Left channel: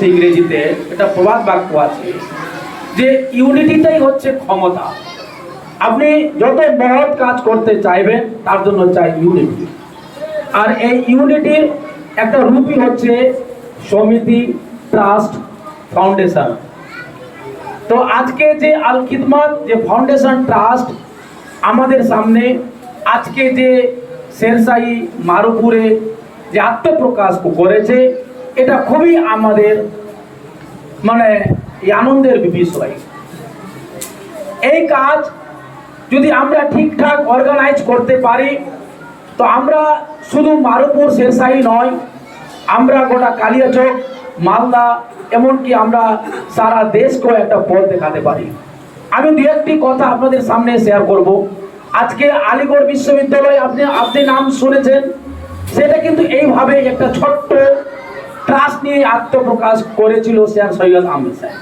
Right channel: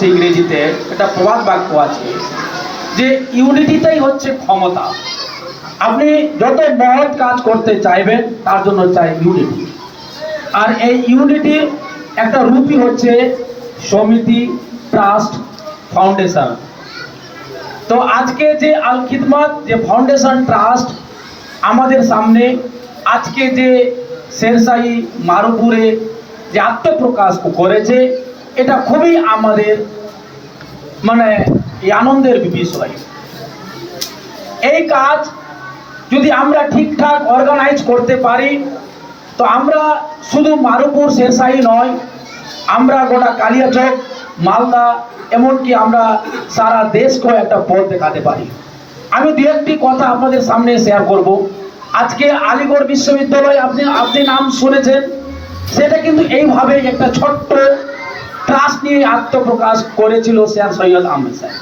হচ্ছে ইংরেজিতে একটা প্রবাদ বাক্য আছে যে ইউনিটিটাই হচ্ছে ক্ষমতা। আপনি যত মহৎ কাজ করতে চাইবেন তার জন্য চাই ইউনিটি। আর এই ইউনিটির একটা রূপই হচ্ছে সমিতি, ট্রাস্ট, ফাউন্ডেশন। তো আজকে যে আল খিদমত যে ফাউন্ডেশন ট্রাস্ট আমাদের সামনে আজকে যে শেরশাহী মারুপুরে যে আত্মপ্রকাশ করেছে, এটা খুবই আমাদের মানে আনন্দের বিষয়। এই কাজ যদি আমরা ঠিকঠাক অর্গানাইজ করতে পারি তো আমরা শুধু মারুপুর শেরশাহী নয়, আমরা গোটা কালিয়াচক, মালদা, এমনকি আমরা সারা দেশকেও একটা পথ দেখাতে পারি। আমি দু একটি কথা আপনাদের সামনে শেয়ার করব। আজকে আলিগড় বিশ্ববিদ্যালয় আপনি নাম শুনেছেন, সেটা কিন্তু এইভাবে একটা ছোট্ট ট্রাস্ট নিয়ে আত্মপ্রকাশ করেছিল স্যার সৈয়দ আহমেদ সাহেব।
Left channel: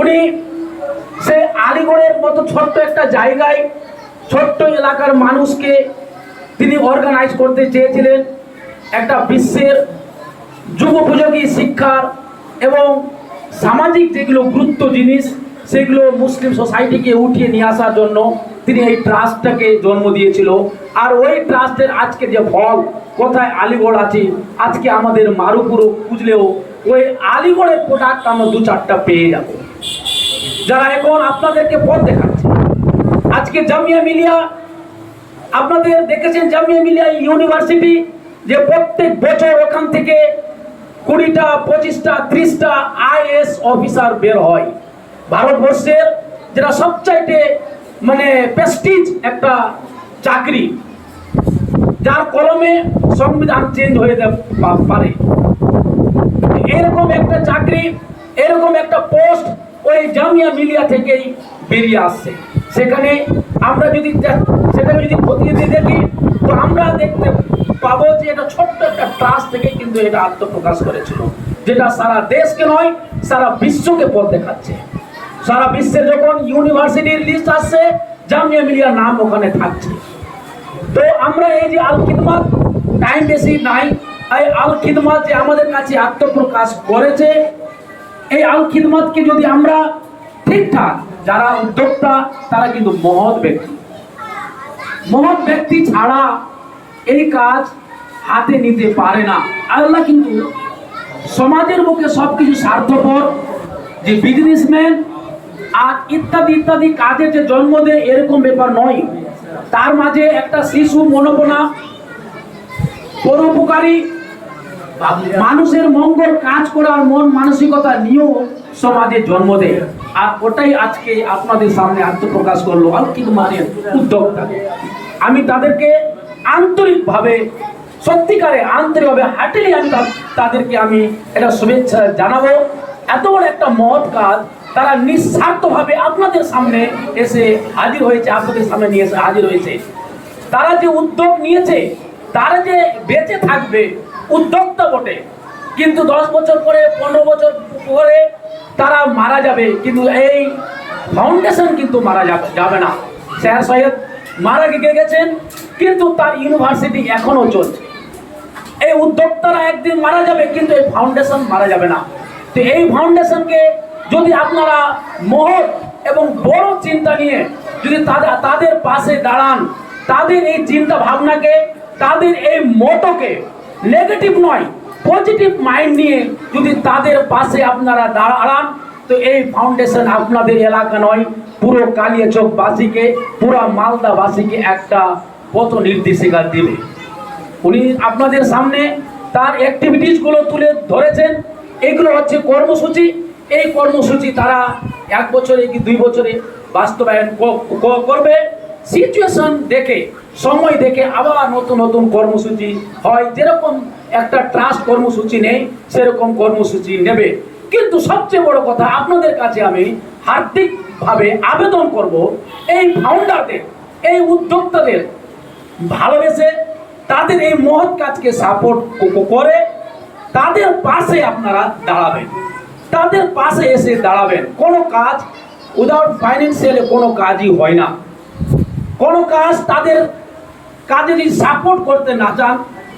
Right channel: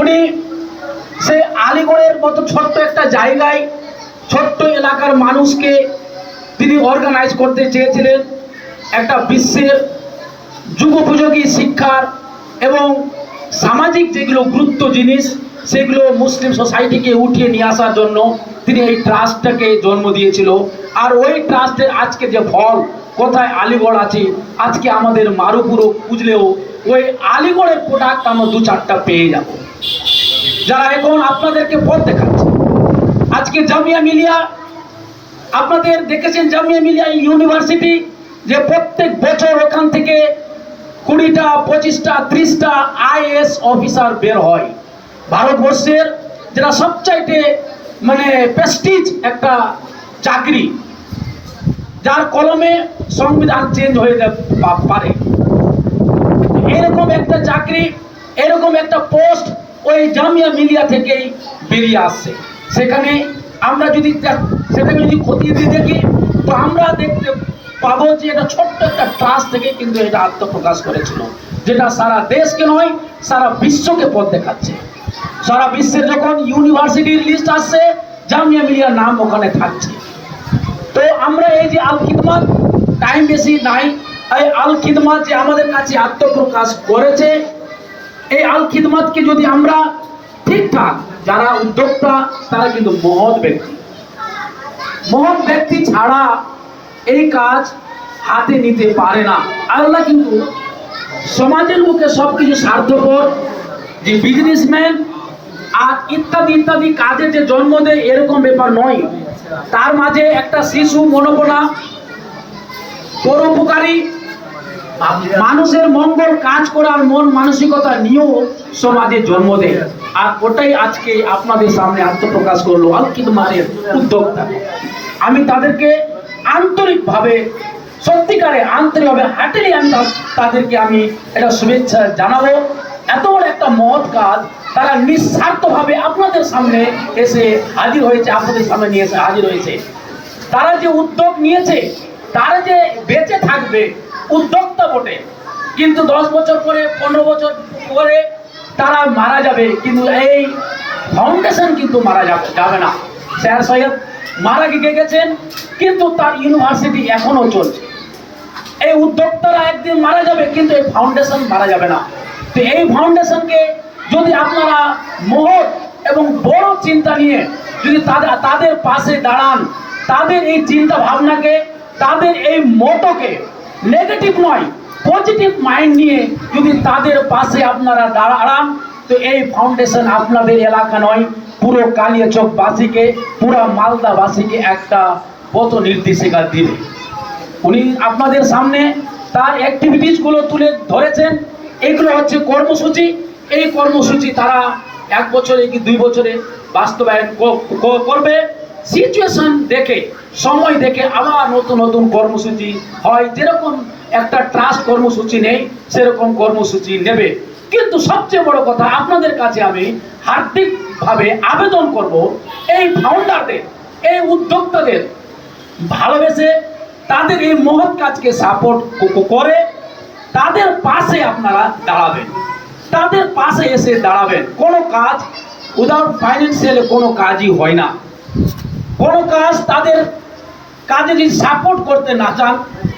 উনি সে আলিগড়ের মতো ছোট্ট একটা জায়গায় ছোট্ট এলাকার মানুষকে তিনি অর্গানাইজ করতে চেয়েছিলেন একটা বিশ্বের যুগোপযোগী শিক্ষার এবং সামাজিক যেগুলো গুরুত্ব জিনিস সেগুলো মুসলিম সোসাইটিকে উঠিয়ে নিয়ে আসার জন্য তিনি এই ট্রাস্টটাকে জন্ম দিয়েছিল। আর ওই ট্রাস্টের আজকে যে ফল, কোথায় আলিগড় আছে, আজকে আমাদের মারুপুরও খুঁজলেও ওই আলিগড়ের প্রোডাক্ট আমরা দু চারটা পেয়ে যাব, যারা এখন আপনাদেরকে পথ দেখাচ্ছে। আজকে জামিয়া মিলিয়া, আপনাদের দেখেছেন জামিয়া মিলিয়া ইউনিভার্সিটি, যে প্রত্যেক বছর ওখান থেকে 20টা 25টা 30টা আইএএস অফিসার বের হয়। ভারতবর্ষের যেটা সবচাইতে মানে প্রেস্টিজ একটা চাকরি, যার কলমে সংবিধান চেঞ্জ হয়ে পারে, এরকম একটা চাকরি, এরকম একটা পোস্ট ওই জামিয়া মিলিয়া থেকেই বেরিয়ে আসছে। সেখানে আমরা যদি সেটাকে যদি খতিয়ে দিয়ে দেখি তো আমরা দেখতে পাবো যে এটা ছোট্ট একটা ট্রাস্ট থেকে কিন্তু এটা আত্মপ্রকাশ করেছিল, যেটা সারা দেশকে নয় সারা বিশ্বকে পথ দেখাচ্ছে। সারা বিশ্বের যখন ইউনিভার্সিটির লিস্ট আসছে, জামিয়া মিলিয়ার নাম ওখানে থাকছে। তো আমরা এই যে আল খিদমত, টাইম বেশি নাই, এই আল খিদমত যে আমাদের কাছে আত্মপ্রকাশ করেছে, এই আল খিদমতকে যদি আমরা ঠিকঠাক, যারা উদ্যোক্তা তারা কিন্তু মহৎ ব্যক্তি ছাড়া এই কাজ হাতে নিতে পারে না। আল্লাহ কিন্তু সমাজের বুকে সবকিছু স্বার্থপর যে বিজনেসম্যান আর ইত্যাদি ইত্যাদি কাজে যে জন্ম দেয় এরকম ব্যাপার নয়। তার মাঝে একটা শিশু মনোবনা, পরোপকারী, মানুষের মঙ্গল কাজ করার মন মানসিকতা নিয়েও সমাজে জন্ম দেয়। আর ওটাই আজকে আপনাদের সামনে আত্মপ্রকাশ করলো আল খিদমতের উদ্যোক্তা। আমি তাদেরকে আন্তরিকভাবে, সত্যিকারে আন্তরিকভাবে হার্টেলি আমি তাদেরকে আমি এটা শুভেচ্ছা জানাবো। এত বড় একটা মহৎ কাজ তারা নিঃস্বার্থভাবে আপনাদের সামনে এসে হাজির হয়েছে, আপনাদের সামনে নিয়ে এসে হাজির হয়েছে। তারা যে উদ্যোগ নিয়েছে, তারা যে বেঁচে থাকবে উদ্যোক্তা বটে, কিন্তু 10 বছর পরে 15 বছর পরে তারা মারা যাবে, কিন্তু এই ফাউন্ডেশন কিন্তু মারা যাবে না। স্যার সৈয়দ মারা গেছেন কিন্তু তার ইউনিভার্সিটি এখনো চলছে। এই উদ্যোক্তারা একদিন মারা যাবে কিন্তু এই ফাউন্ডেশন মারা যাবে না। তো এই ফাউন্ডেশনকে যদি আপনারা মহৎ এবং বড় চিন্তা নিয়ে যদি তাদের পাশে দাঁড়ান, তাদের এই চিন্তা ভাবনাকে, তাদের এই মোটোকে নেগেটিভ নয় পজিটিভ মাইন্ড নিয়ে যদি তাদের পাশে আপনারা দাঁড়ান, তো এই ফাউন্ডেশন আপনাদের এলাকা নয় পুরো কালিয়াচকবাসীকে, পুরো মালদাবাসীকে একটা পথ নির্দেশিকা দিবে। উনি আপনাদের সামনে তার অ্যাক্টিভিটিসগুলো তুলে ধরেছেন। এগুলো হচ্ছে কর্মসূচি। এই কর্মসূচি তারা 1 বছরে কি 2 বছরে বাস্তবায়ন করবে। সিচুয়েশন দেখে, সময় দেখে আবার নতুন নতুন কর্মসূচি হয়। যেরকম একটা ট্রাস্ট কর্মসূচি নেই সেরকম কর্মসূচি নেবে। কিন্তু সবচেয়ে বড় কথা, আপনাদের কাছে আমি হার্দিকভাবে আবেদন করব, এই ফাউন্ডারদের, এই উদ্যোক্তাদের ভালোবেসে তাদের এই মহৎ কাজকে সাপোর্ট করে তাদের পাশে আপনারা দাঁড়াবেন, তাদের পাশে এসে দাঁড়াবেন। কোনো কাজ উইদাউট ফাইন্যান্সিয়ালি কোনো কাজই হয় না। কোনো কাজ তাদের কাজে যদি সাপোর্ট করতে না চান,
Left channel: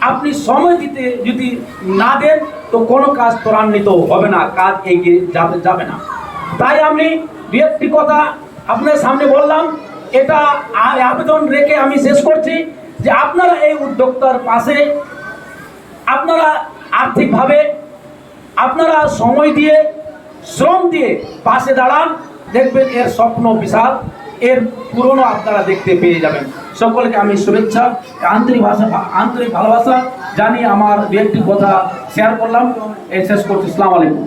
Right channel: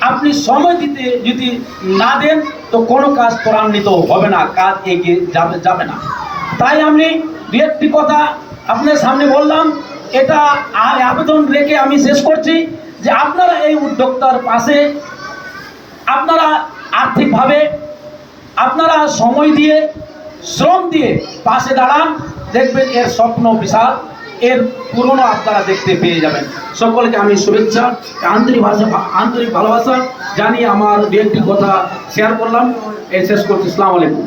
আপনি সময় দিতে যদি না দেন, তো কোনো কাজ ত্বরান্বিত হবে না, কাজ এগিয়ে যাবে না। তাই আমি দু একটি কথা আপনার সামনে বললাম, এটা আবেদন রেখে আমি শেষ করছি যে আপনারা এই উদ্যোক্তার পাশে, আপনারা আর্থিকভাবে, আপনারা সময় দিয়ে, শ্রম দিয়ে পাশে দাঁড়ান, দেখবেন এর স্বপ্ন বিশাল, এর পূরণও আপনারা দেখতে পেয়ে যাবেন। সকলকে আমি শুভেচ্ছা, আন্তরিক ভালোবাসা জানিয়ে আমার দু একটি কথা শেয়ার করলাম, এই শেষ করছি। আসসালামু আলাইকুম।